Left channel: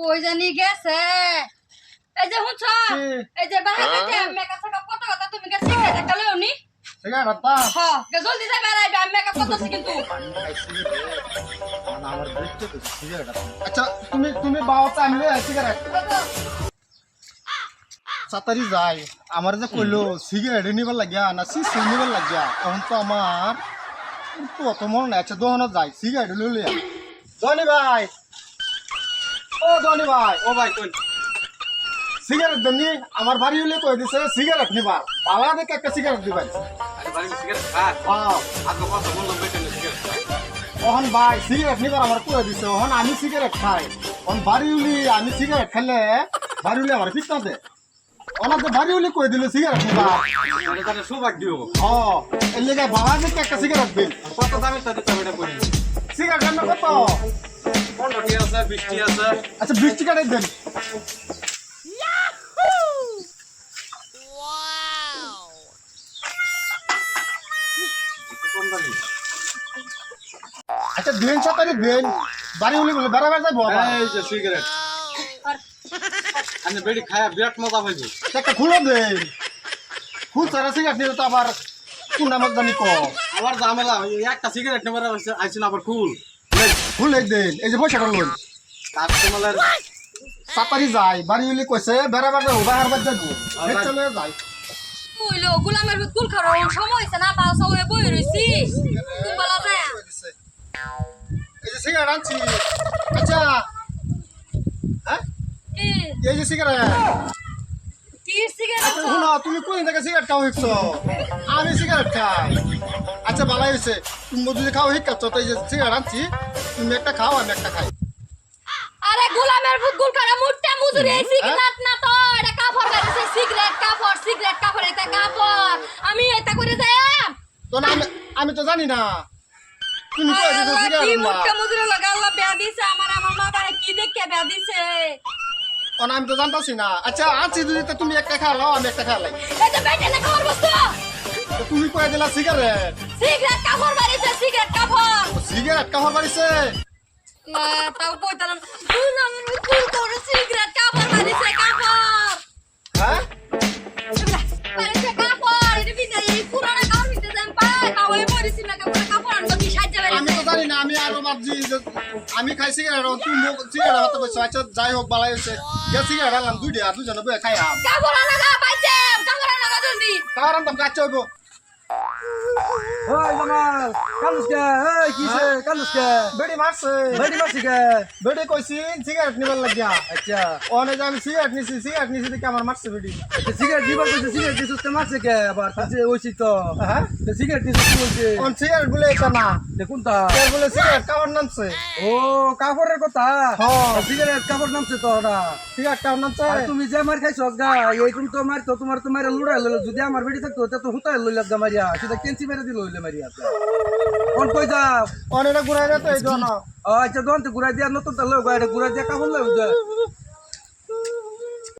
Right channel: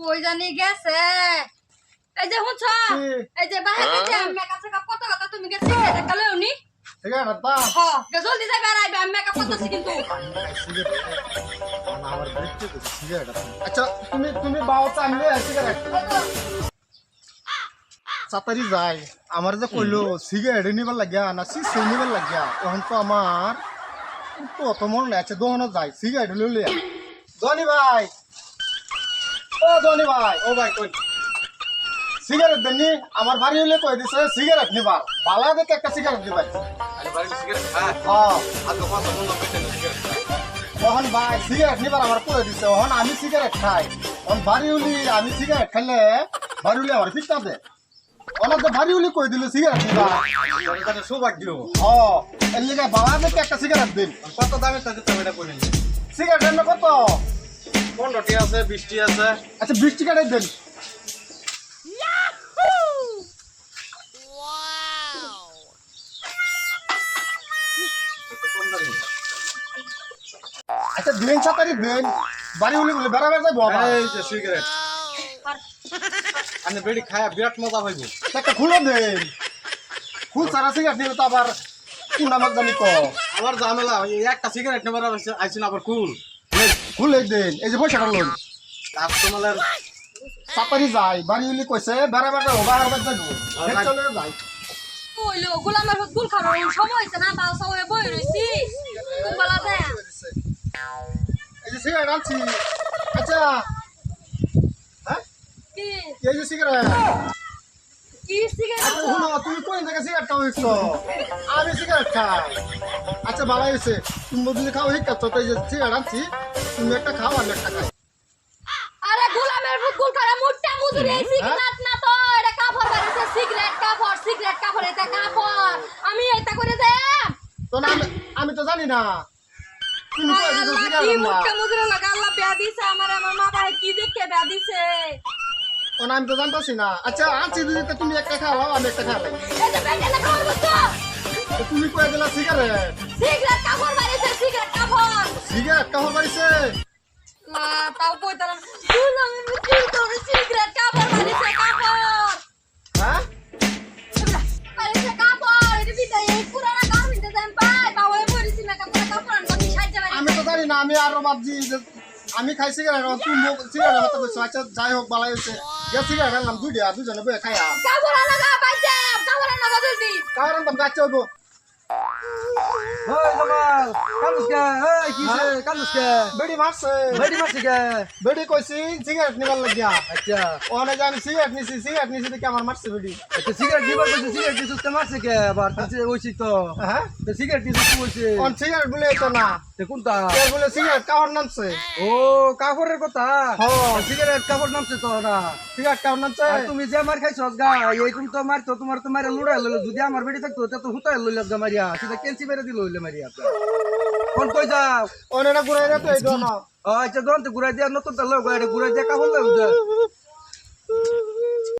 কই জানি গেছে এই যে হুঁছ এই যে বাইরে যে মেকআপ সেকআপ কত কথা তুমি গেছে সিগারেট কালে উনি সিগারেট আত্তা হ্যাঁ জলদি যাই বেড়াইবে আমি মেকআপ করতেছি কিন্তু আমার বুঝতে তো সিগারেট আচ্ছা তুমি বাওতা আনলে সিগারেট সাতারি যাই আমার যে কইলো সিগারেট নিবার লাগিয়া না সিস নিবার লাগিয়া তখন তো আমার তো অত মন নাই আচ্ছা দোকানে যাই সিগারেট লইলে জনি ভাই ও জনি ভাই ও ভাই কই সিগারেট দেনি আমার বাড়ি হইলে কই দিছে সিগারেট নিবার বালা দেখে একটা সিগারেট দিবার তখন ভাই সিগারেট নিবার আমার কই দিছে তখন আমি সিগারেট খাই তখন বাড়ি হইলি আমি সিগারেট খেলে বাড়ি হইলে আমার পিতা দে ওনাকে বাড়ি হইলে কই দিল সিগারেট নিবার সৌভাগ্য হ্যাঁ এর লিগে বালা দেখে একটা সিগারেট দিন কত দামের সাথে তুমি এটা কই সিগারেটের না কত 15টি আছে 20টি আছে আচ্ছা 20টি কাটাই দেন আচ্ছা দিন সাতারি দিন বাড়ি হলে বলে বেড়াবার যাবো এই যে সিগারেট আমি বেড়ি খায়া বিরাট মজা পাইবো একটা খুলে দেন খুল সারা সিগারেট নিলে তো আবার কোন নামের জানি ক আবার ঝামেলা একটা সিগারেট নেবার আইছেন আবার খুলে দেন এই যে পয়সাটা লোন কাস্টমারের সাতারি যায় বাড়ি হলে কইছে বেড়াবার যাবো বেড়াবার যাবো চলে যাই কইলো গোলামের গুল খাওয়ার সময় হইছে না বাল সবে বই রইছি খুব ভালো যায় এই যে সিগারেট আনছি আচ্ছা হ্যাঁ কি এই যে সিগারেট কি সিগারেট আচ্ছা শুনো তুমি কোন জায়গায় সিগারেট খাও হিকছো আমি সিগারেট খাই আচ্ছা ভালো হয়েছে তুমি যদি খাও হিকাচ্ছ তো এই যে সিগারেট আনছি তুমি একটা খাও আমি একটা খাই আরে গোলামের গুল খাওয়ার মুটটা মুজুরি এই সিগারেট না তো এটা কাপড় বাড়িছে সিগারেট কাপড় এটা কাপড় আমি এটা করে যাই তো না আমি তো জানি না তুমি কই দিছো সিগারেট না মুটটা মুজুরি লাগা আল্লাহ বেয়া দিছে আমার মা বাবা কি দেখে বেয়া দিছে তো আমি তো জানতাছি না আচ্ছা আনছি যদি তো তুমি একটা খাও আমি একটা খাই এই যে বেটা না খাওয়ার বস্তু তো তুমি কই দিলা সিগারেট কাপড় বাড়িছে সিগারেট কাপড় বাড়িছে না তাও কইতাম গোলামের গুল খাওয়ার সিগারেট কাপড় বাড়িছে কাপড় হ্যাঁ বাড়িছে কাপড় এটা বিদায় পুরানা কাপড় বিতে যাম পাই তাও এই পরিছি না কাপড় আনবো কি সাহায্য বাড়িছে আমি তো জানি না আমি আরো ভাবছি যে আমি খাই সিগারেট তুই সিগারেট হতে বলছো আচ্ছা যাই হোক বালাই হয়েছে গে সিগারেট আনলাম দুজনে বয়ে খাই কাপড় আনা গা পাইছে কাপড় আনা জলদি কারণ আনতাম গাছ হইব ওই জামাল কালুসকে এই কিসে কালুসকে বেড়ি মারছে বেড়ি মারছিকে বেড়ি কইছি সিগারেট নিবার লাগিয়া আচ্ছা ওনে যে আমি সিগারেট নিছি দেখে আমার মারছে বেড়ি তো সিগারেট দিবার কইছে সিগারেট দিছস তো মারছে কে আবার তাছে ওইছি তো হ্যাঁ তো সিগারেট দিছস কি বলছে কোন সিগারেট বলে তো না দেখুন তা ও বলে সিগারেট কাওয়ার নামছে ও কাপড়ের কথা হ্যাঁ। সিগারেট কাপড় নামছে তো না সিগারেট কাওয়ার নামছে আর তুমি যে মার খাইছস গা এই তুমি তো মারতো তোমার তো মারে লুড়াই লইলো যদি আমার বেড়ি থাকতো তে তো হুতাই লইলাম গা মারিয়া সেটা কেঞ্চি মেরে দিল হইলে মারিয়া কোন কই যাও ওনেটা ঘুরাই না তো এই জন্য আচ্ছা দোন তো ঘুরাই দিয়া নতুন তো লোক এটা ঘুরাই দিয়া কাপড় লই